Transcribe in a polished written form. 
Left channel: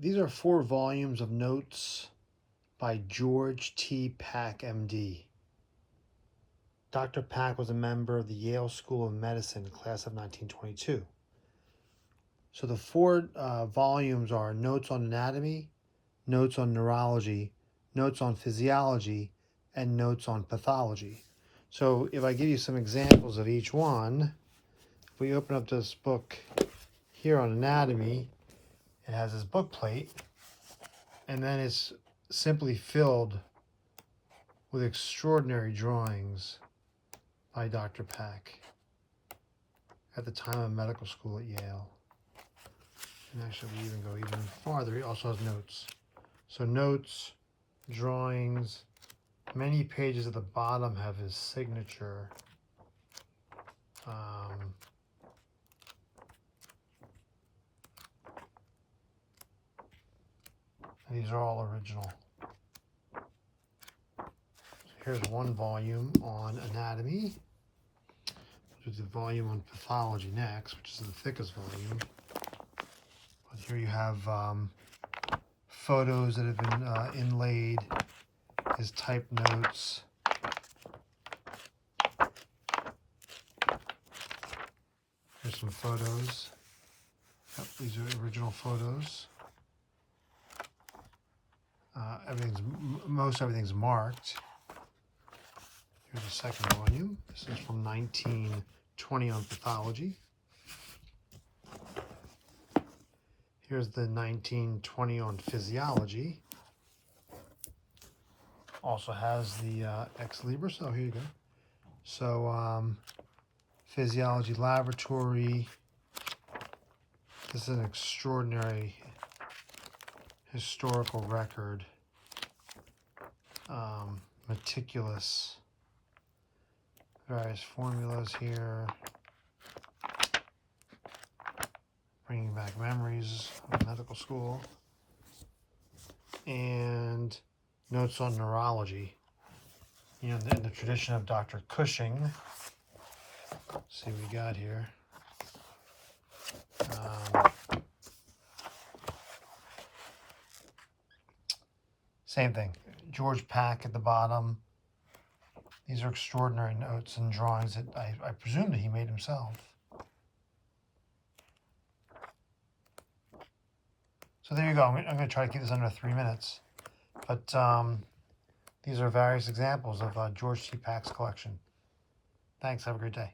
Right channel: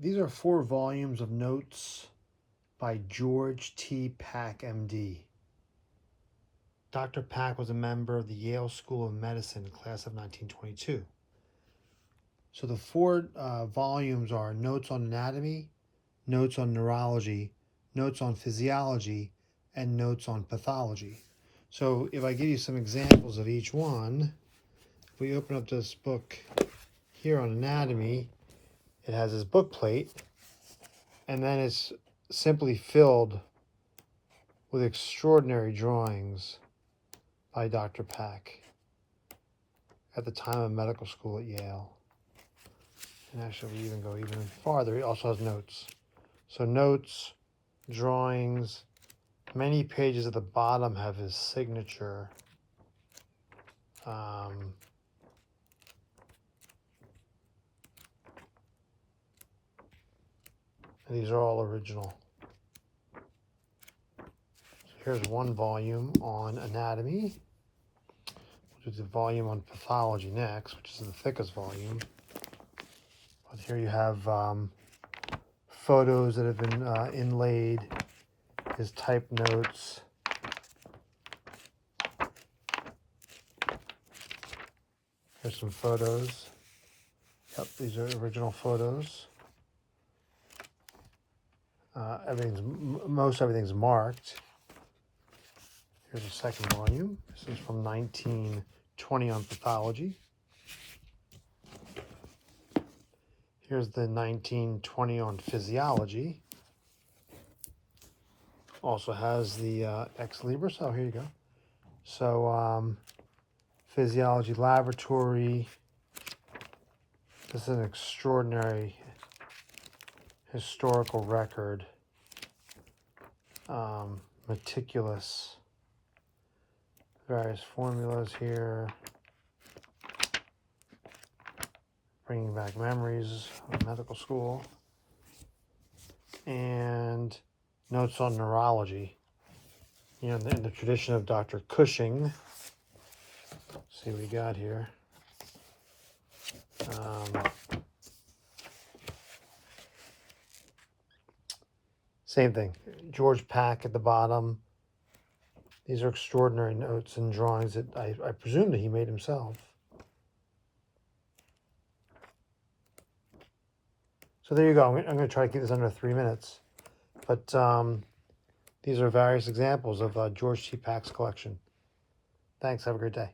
These are 4 volumes of notes by George T. Pack, MD. Dr. Pack was a member of the Yale School of Medicine, class of 1922. So the 4 volumes are Notes on Anatomy, Notes on Neurology, Notes on Physiology, and Notes on Pathology. So if I give you some examples of each one, if we open up this book here on anatomy, it has this book plate, and then it's simply filled with extraordinary drawings by Dr. Pack at the time of medical school at Yale. And actually, we even go even farther. He also has notes. So notes, drawings, many pages at the bottom have his signature. These are all original. Here's one volume on anatomy, which is a volume on pathology next, which is the thickest volume. But here you have photos that have been inlaid, his type notes. Here's some photos. These are original photos. Most everything's marked. Here's the second volume. This is from 1920 on pathology. Here's the 1920 on physiology. Also has the ex libris. Oh, here you go. So physiology laboratory. This is an extraordinary historical record. Meticulous. Various formulas here. Bringing back memories of medical school. And notes on neurology. You know, in the tradition of Dr. Cushing. Let's see what we got here. Same thing. George Pack at the bottom. These are extraordinary notes and drawings that I presume that he made himself. So there you go. I'm going to try to keep this under 3 minutes. But these are various examples of George T. Pack's collection. Thanks. Have a great day.